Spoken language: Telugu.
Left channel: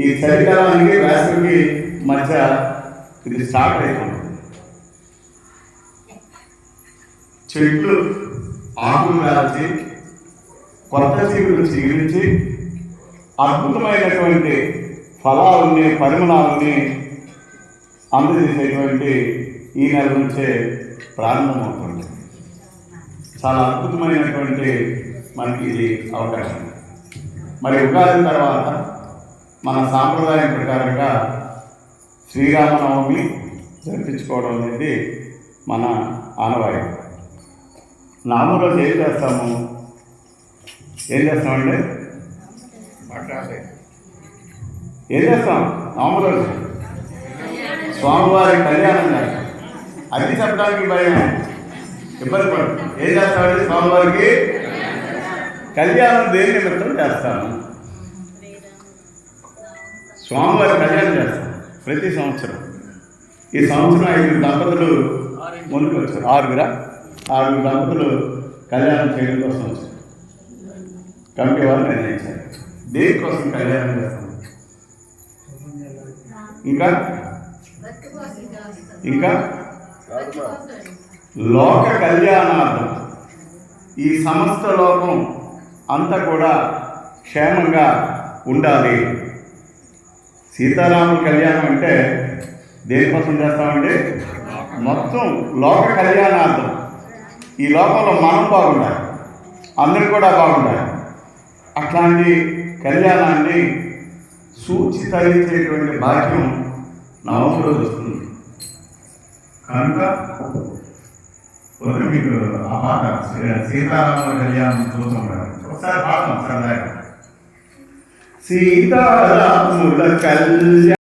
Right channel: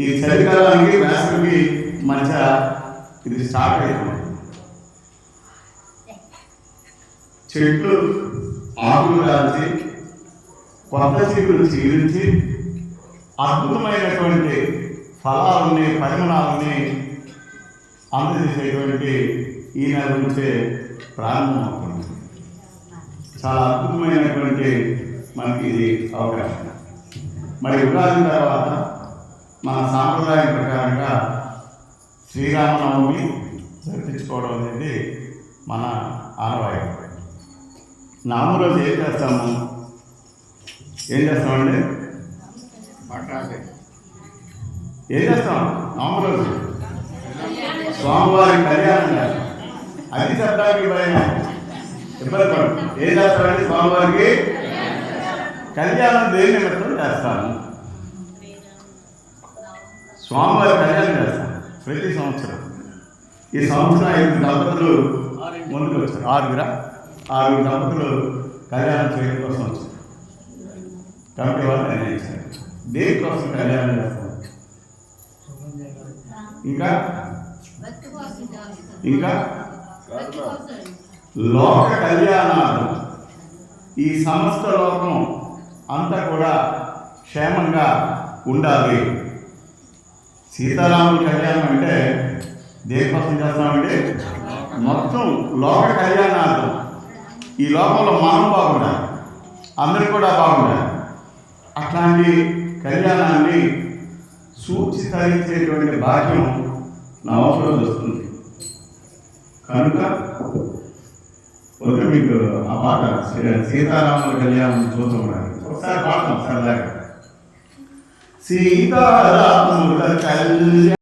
ఈ చలికాలానికి వేసవికి మధ్య ఇది స్టార్ట్ అయిపోయింది చెట్లు ఆకులు కాల్చి కొత్త చీకులు చీరించి అద్భుతమైనటువంటి ఫలాలని పరిమాణాలని అందజేసేటువంటి ఈ నెల నుంచే ప్రారంభమవుతుంది చాలా అద్భుతమైనటువంటి మనకి ఇది అవకాశం. మరి ఉగాది తర్వాత మన సాంప్రదాయం ప్రకారంగా శ్రీరామనవమి జరిపించుకోవడం అనేది మన ఆనవాయితీ. నాలుగు రోజు ఏం చేస్తాము? ఏం చేస్తామండి? ఏం చేస్తాం? మామూలు రోజు. స్వామివారి కళ్యాణం అది చెప్పడానికి భయం. ఇబ్బంది పడు ఏం చేస్తామండి? స్వామివారికి కళ్యాణం నిమిత్తం చేస్తాము? స్వామివారి కళ్యాణం చేస్తాం ప్రతి సంవత్సరం. ఈ సంవత్సరం ఐదు దంపతులు ముందుకు వచ్చారు ఆరుగురా? ఆరుగురు దంపతులు కళ్యాణం చేయడం కోసం వచ్చారు. కమిటీ వాళ్ళు నిర్ణయించారు. దేనికోసం కళ్యాణం చేస్తాం? ఇంకా? ఇంకా? లోక కళ్యాణార్థం ఈ సమస్త లోకం అంతా కూడా క్షేమంగా ఉండాలి. సీతారాముల కళ్యాణం అంటే దేనికోసం చేస్తామంటే మొత్తం లోక కళ్యాణార్థం. ఈ లోపల మనం బాగుండాలి. అందరూ కూడా బాగుండాలి. అట్లాంటి కళ్యాణాన్ని సూచి తరించేటువంటి భాగ్యం నవంబర్ వస్తుంది. కనుక మీకు ఆ పాట సీతారాముల కళ్యాణం చూస్తూ ఉండాలి ఒకసారి పాడతాం సరదాగా. సీతారాముల కళ్యాణ.